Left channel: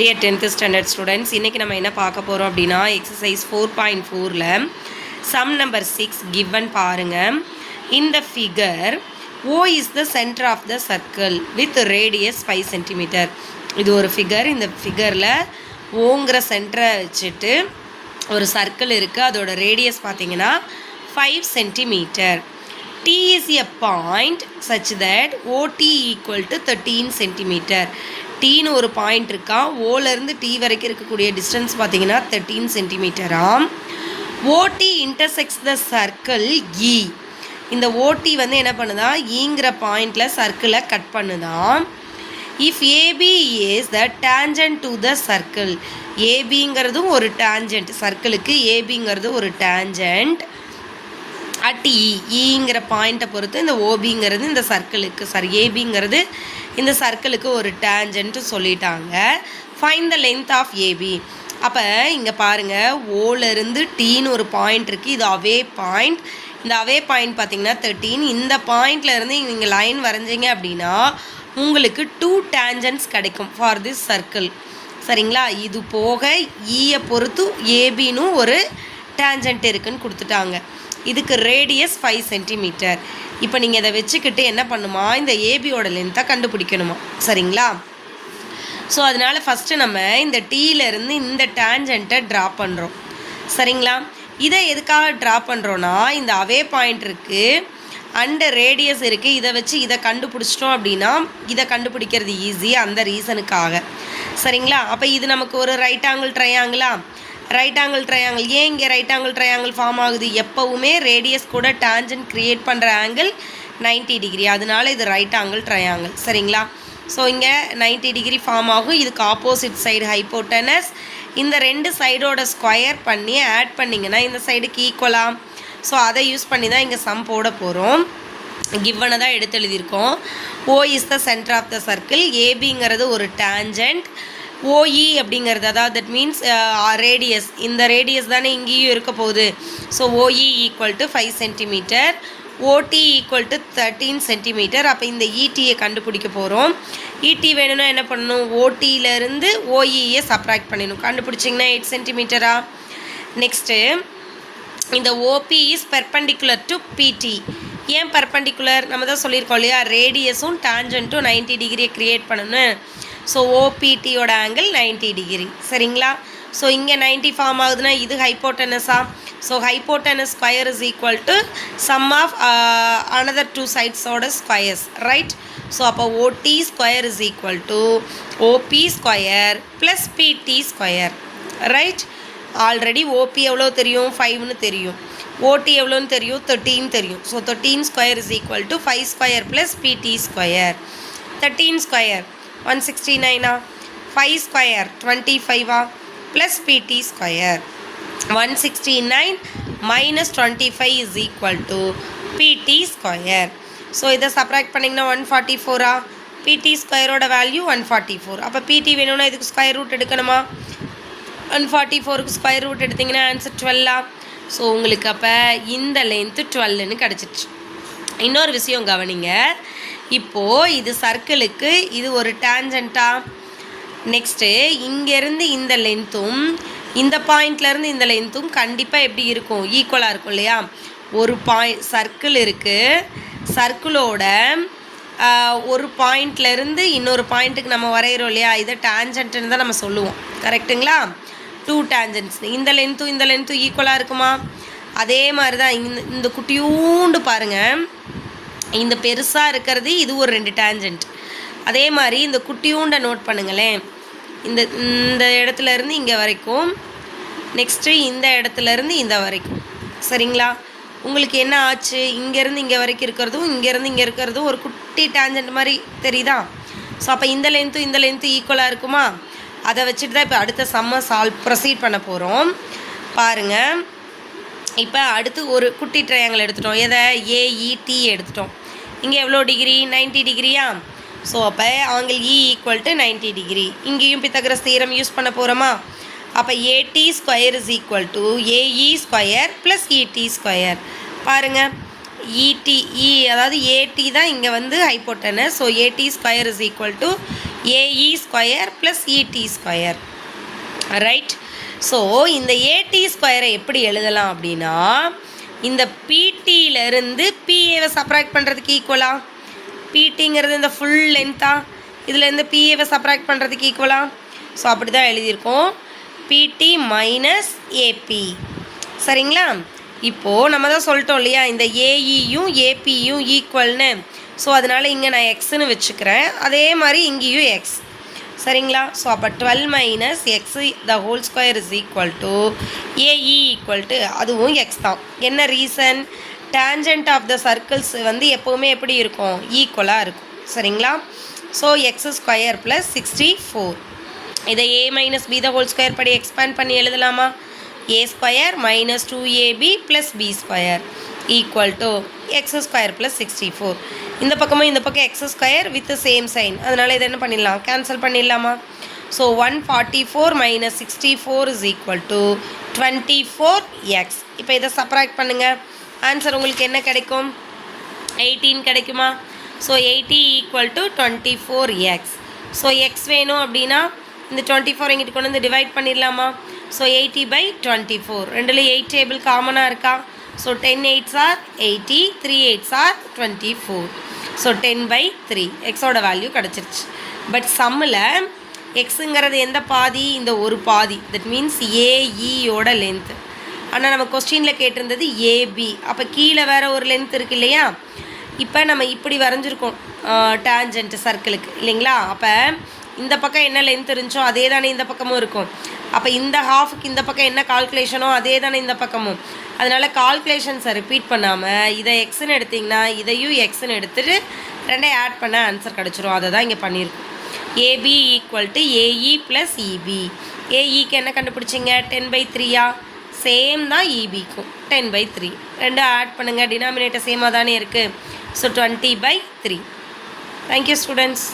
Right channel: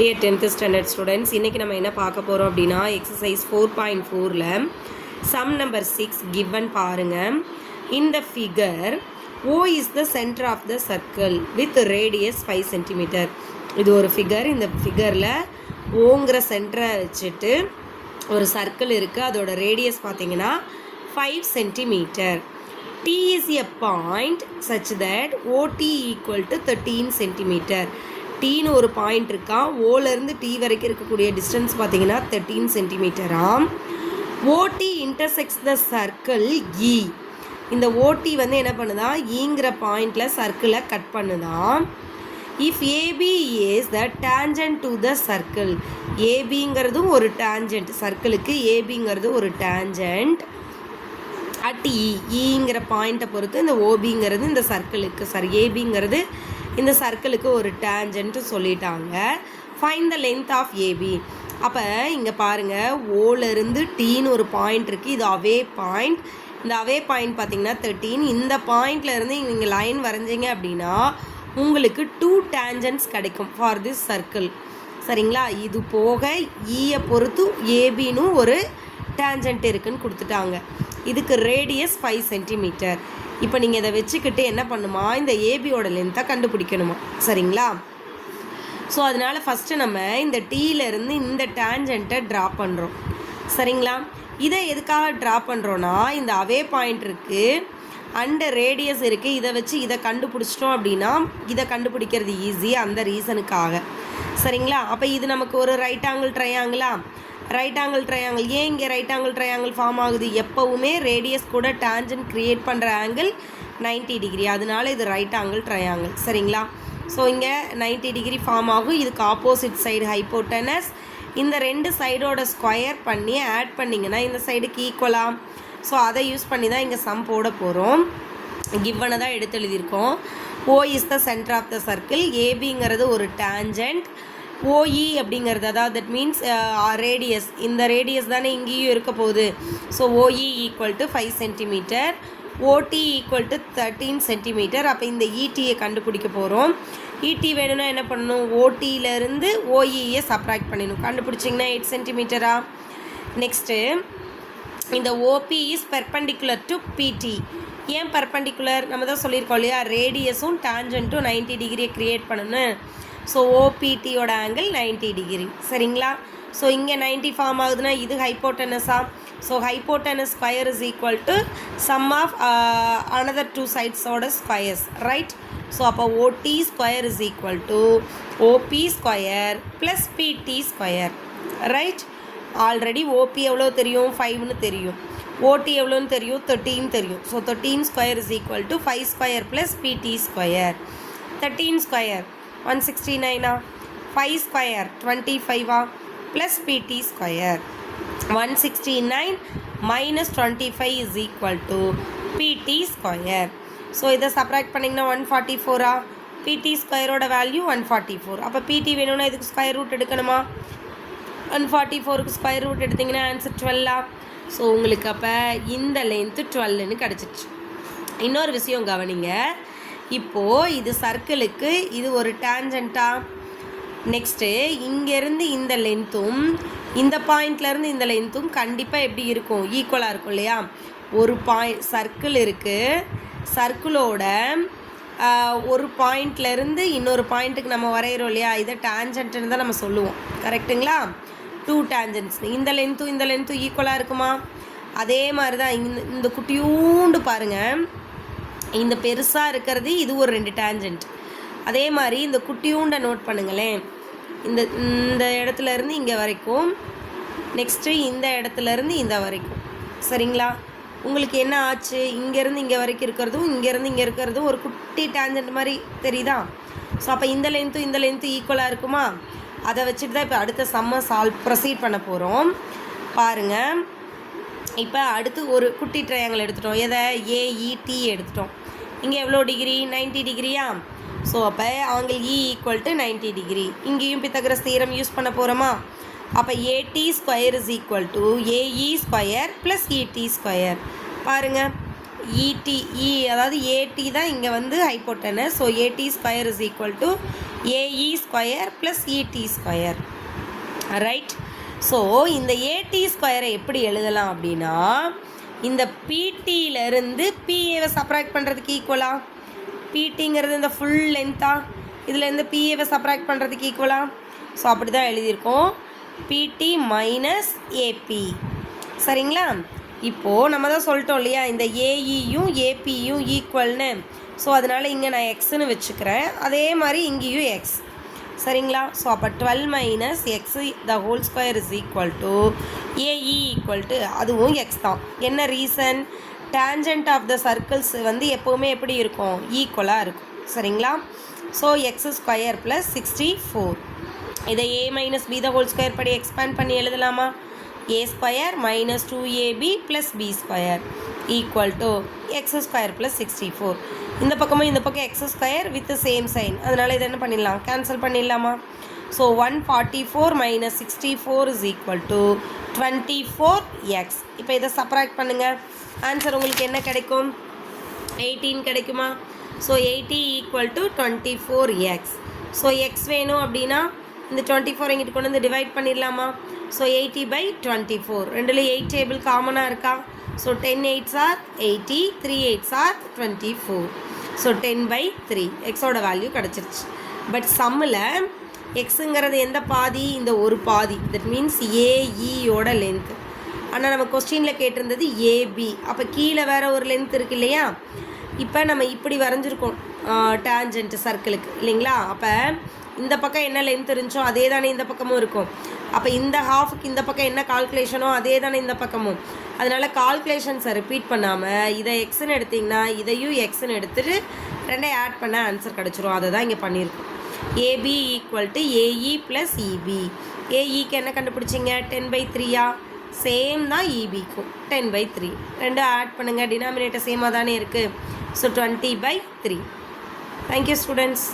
Dear 10th standard students, இன்றைக்கி நம்ம என்ன பார்க்க போகிறோம் அப்படின்னா எக்ஸசைஸ் 4.4ல் சம் நம்பர் 6 கிவன் பாருங்கள். இந்த figure O is the centre of the circle with radius 5 centimetre. இது ஒரு ஃபிகர். இந்த ஃபிகரில் ஓங்கிற சென்டரை வச்சுட்டு ஒரு சர்க்கிள் இருக்குது. அதோட ரேடியஸ் பார்த்தீங்கன்னா 5 centimetre. T is a point such that OT equal to 13 centimetre. டீன்னு ஒரு பாயிண்ட் இருக்கா. ஓலேருந்து டி வரைக்கும் இருக்கக்கூடிய டிஸ்டன்ஸ் பார்த்தீங்கன்னா 13 சென்டிமீட்டராம். ஓடி இன்டர்செக்ட்ஸ் த சர்க்கிள் இ. இந்த ஓடி வந்து என்ன பண்ணுதா, ஈங்கிற பாயிண்டில் சர்க்கிளை கட் பண்ணுதான். If AB is the tangent to the circle. ஏபிங்கிறதும் ஒரு டேஞ்சன்ட், சர்க்கிளுக்கு ஏபிங்கிறது ஒரு டேஞ்சன்ட். அட் ஈங்கிற பாயிண்ட்டை பொறுத்து இந்த ஓபிங்கிறது இந்த சர்க்கிளுக்கு ஏபிங்கிறது இந்த சர்க்கிளுக்கு ஒரு டேஞ்சன்ட்டு சொல்லிட்டாங்க. Find the length of AB. அப்போ இங்கே பாருங்கள், ஓலேருந்து டீன்னு ஒரு பாயிண்ட் இருக்குது. இது அவே பாயிண்ட். இந்த அவே பாயிண்ட் பார்த்திங்கன்னா 13. இந்த பாயிண்ட்லேருந்து நீங்கள் லைன் வரைஞ்சிங்க அப்படின்னா உங்களுக்கு 2 டேஞ்சன்ட்ஸ் கிடைக்கும் ஃபார் திஸ் சர்க்கிள். சரிங்களா? இது போக ஈயை பொறுத்து ஏபின்னு ஒரு டேஞ்சன்ட் இருக்குன்னு கொடுத்துட்டாங்க. இதுக்கு ரேடியஸ் 5 சென்டிமீட்டர். இப்போ நீங்கள் இதை வச்சுக்கிட்டு என்ன பண்ணுமா, இந்த ஏபியோட லென்த்தை கண்டுபிடிக்கணுமா. சரிங்களா? ஸோ அதனால் ஃபஸ்ட்டு நம்ம இந்த டீலேருந்து இந்த டேஞ்சன்ட்டை ட்ரா பண்ணுறோம். சரிங்களா? இதை எதுக்காக ட்ரா பண்ணுறோன்னா, இந்த அவே பாயிண்ட் இருக்குது அண்டு ரேடியஸ் இருக்குது. இதை வச்சு இதை கண்டுபிடிச்சிட்டோம் அப்படின்னா இதை கண்டுபிடிக்கிறது ஈஸி, அந்த ரீசனுக்காக. சரிங்களா? அப்போ இது நமக்கு ஒரு ரைட் ஆங்கிள் ட்ரையாங்கிளா. Right angle triangle. ஏன் இங்கே ரைட் ஆங்கிள் ட்ரையாங்கிள் ஃபார்ம் ஆகுது? எப்போவுமே ரேடியஸ் கூட டேஞ்சன்ட் க்ரியேட் பண்ணுற ஆங்கிள் 90 டிகிரி. அதனால இது ரைட் ஆங்கிள் ட்ரையாங்கிள். சரிங்களா? ஸோ இங்கே 90 டிகிரி ஃபார்ம் ஆகும். இதுக்கு ஆப்போசிட் சைடு ஹைப்போட்டனஸ். இந்த ரெண்டு சைடோட ஸ்கொயர் பண்ணி ஆட் பண்ணிங்கன்னா இந்த சைடுக்கு ஈக்குவலாக. ஸோ அதை யூஸ் பண்ணி தான் இங்கே சம் போட போகிறோம். கிவனை தான் எடுத்து எழுதியிருக்கோம். O is the centre of the circle. ஏபிங்கிறது ஒரு டேஞ்சன்ட். OE அப்படிங்கிறது, அதாவது தட் மீன்ஸ் ரேடியஸ். இந்த ரேடியஸ் தானே இங்கேயும் இருக்க போகுது. So OE equal to 5 centimetre. OT equal to 13 centimetre. அப்போ இந்த ETயை கண்டுபிடிக்க போகிறோம். ET வேணும்னா என்ன பண்ணணும், OTயிலேருந்து OEயை சப்ராக்ட் பண்ணிடணும். கண்டுபிடிச்சிங்கன்னா 8 சென்டிமீட்டரா. நெக்ஸ்ட்டு இந்த OP is perpendicular to PT. ஏன் பெர்பெண்டிகுலர்? நம்ம தான் சொல்லியிருக்கோம் இல்லையா, ரேடியஸும் டேஞ்சன்ட்டும் 90 டிகிரியை க்ரியேட் பண்ணணும். ஸோ ஓபிடியோட ஆங்கிள் 90 டிகிரி. சரிங்களா? ஸோ இங்கே 90 ஃபார்ம் ஆகுதுன்னா இது ஹைப்போட்டனஸா. So hypotenuse square is equal to sum of another 2 சைட்ஸோட ஸ்கொயர்ஸ். ரைட்? ஸோ அப்போ OT square is equal to OB square plus BT square. Right? Already OB எவ்வளோ தெரியும், 5ன்னு தெரியும். ஓடி எவ்வளோன்னு தெரியும், 13 தெரியும். So 13 square is equal to 5 square plus BT square. 13 square 169 5 square 25 plus BT square. 169 minus 25 is equal to பிடி square. So இதை subtract பண்ணிங்கன்னா 144. பிடி ஸ்கொயரோட வேல்யூ 144. அப்போ பிடி வேணும்னா இதுக்கு ஸ்கொயர் ரூட் எடுக்கணுமா. 144க்கு ஸ்கொயர் ரூட் எடுத்திங்கன்னா ஆன்சர் 12. ஸோ உங்களுக்கு அப்போ இந்த லென்த்து 12ன்னு கிடச்சிருச்சு. இன்னொரு விஷயம் கவனிங்க. இப்போது இது சர்க்கிளுக்கு இது ஒரு டேஞ்சன்ட்டா. நெக்ஸ்ட்டு இங்கேருந்து இந்த லென்த்தும் இந்த பாயிண்ட்லேருந்து இந்த லென்த்தும் கண்டிப்பாக எப்படி இருக்கும், ஈக்குவலாக இருக்கும் இல்லையா. ஒரு சர்க்கிள் இருக்குது. சர்க்கிளோட ஒரு பாயிண்ட்லேருந்து இன்னொரு பாயிண்ட்டுக்கு நம்ம வரைகிறோம் இல்லையா, இதை டேஞ்சன்ட்டுன்னு தான் நம்ம சொல்லுவோம். கரெக்டுங்களா? 2 டேஞ்சன்ட்ஸ். இந்த லென்த்தும் ஈக்குவலாக இருக்குமா. அதே மாதிரி தான் இந்த குட்டியூண்டு பாருங்கள். இந்த பெருசாக இருக்கிறது இது ஒரு 2 டேஞ்சன்ட். அதே மாதிரி இந்த குட்டியூண்டை நோட் பண்ணுங்களேன். இந்த இடத்துலேருந்து இங்கே வரைக்கும், நெக்ஸ்ட்டு இந்த இடத்துலேருந்து இந்த வரைக்கும். சரிங்களா? உங்களுக்கு என்ன ஆச்சு, இங்கேருந்து இங்கே வரைக்கும் இருக்கிறதும் இங்கேருந்து இங்கே இருக்கிறதும் ஒரு குட்டி டேஞ்சன்ட் மாதிரி தெரியுதா. ஸோ அப்போ இந்த லென்த்தும் ஈக்குவலாக இருக்குமா. அதை வச்சுட்டு தான் இப்போ அடுத்த சம்மை ப்ரொசீட் பண்ண போகிறோம். பாருங்கள், இப்போ அடுத்து ஒரு குட்டி ட்ரையாங்கிள் எடுத்துட்டோம். எதை, ஏஇடி எடுத்துட்டோம். இங்கே எவ்வளோ டிகிரி, 90 டிகிரியா. ஸோ அப்போ angle E equal to 90 degree. இங்கேயும் பித்தகரஸ் தியரம் யூஸ் பண்ண போகிறோமா. அப்போ AD square is equal to AE square plus ED square. பாருங்கள், இடி அதாவது ஏடி தான் இங்கே வந்து hypotenuse. So AD square is equal to AE square plus ED square. Right. So இந்த ஏடி ஸ்கொயரை எப்படி எழுதலாம் அப்படின்னா, இந்த பிடியிலேருந்து பிஏவை சப்ராக்ட் பண்ணுறதுக்கு ஈக்குவலா, பிடிங்கிறது இந்த ஃபுல் லென்த்தா, இதுலேருந்து பிஏவை சப்ராக்ட் பண்ணுறதுக்கு ஈக்குவலா. ஸோ அப்படி தான் எழுதியிருக்கோம், பிடி மைனஸ் ஏபி. சரிங்களா? இப்போது நம்ம தான் சொல்லிட்டோம் இல்லையா, இந்த ஏஇயும் ஏபியும் ஈக்குவல்னு. ஸோ அதனால் இங்கே நான் எக்ஸ்ன்னு வச்சுக்கிறேன், அதே மாதிரி இங்கேயும் எக்ஸ். சரிங்களா? ஸோ அப்போ 12 minus X the whole square is equal to AE equal to அதுவும் எக்ஸ் தான். என்ன reason? Tangent of the circles வந்து எப்போவுமே எப்படி இருக்கும்? ஈக்குவலாக இருக்கும். சரிங்களா? So X square plus 64. இதை A minus B the whole square படி எக்ஸ்பேண்ட் பண்ணி எழுதலாமா? A square minus 2ab plus B square equal to X square plus 64. இந்த பக்கமும் இந்த பக்கம் X square with same sign, அதனால் இதை என்ன பண்ணிடலாம்? கேன்சல் பண்ணிடலாமா? So 144 minus 64 is equal to 24x. இப்போ இதை சப்ராக்ட் பண்ணுங்கள், ஆன்சர் உங்களுக்கு என்ன கிடைக்கும்? 18 கிடைக்குமா? So 80 equal to 24x. So X வேணும் அப்படின்னா இந்த 24 எங்கிட்ட கொண்டு வந்து டிவைட் பண்ணிடலாமா? ஸோ 80/24, ரெண்டில் 8 டேபிள் காமனாக இருக்கா? So 10 8s are 80, 3 8s are 24. So 10/3 எக்ஸோட வேல்யூ கிடச்சிருச்சு. பட் சம்மில் எக்ஸுங்கிறது எந்த பாதி? இந்த ஒரு பாதி. தட் மீன்ஸ் ஏஇயோட லென்த்து. ஆனால் நம்ம கொஸ்டினில் கேட்டிருந்தது ஏபி. அப்போ கீழே வேறு ஒரு லென்த் இருக்குது இல்லையா? இப்போ நம்ம இப்படி வரைஞ்சிருக்கோம் டேஞ்சன்ட் சர்க்கிளுக்கு இல்லைங்களா? அப்போ இந்த பக்கம் என்ன லென்த் இருந்துச்சோ அதே தானே இந்த பக்கமும் இருக்கும். அப்போ இந்த ஹாஃபுக்கு இந்த பக்கம் என்ன கால்குலேஷனோ அதே தானே இந்த பக்கமும். அதனால் கால்குலேஷன்ஸை ரிப்பீட் பண்ணாமல் இதை எக்ஸ்ன்னு எடுத்திங்கன்னா இதையும் எக்ஸ்ன்னு எடுத்துகிட்டு ரெண்டையும் ஆட் பண்ண ஆன்சர் கிடச்சிரும். அதை தான் இங்கே பண்ணியிருக்கோம். AB equal to AE plus EB. ஏஇக்கு என்ன கண்டுபிடிச்சிங்க? 10/3. சேம் தான் இபிக்கும் 10/3. ரெண்டும் ஆட் பண்ணுங்கள், டினாமினேட்டர் சேமாக தானே இருக்குது. ஸோ 20/3. Thank you students.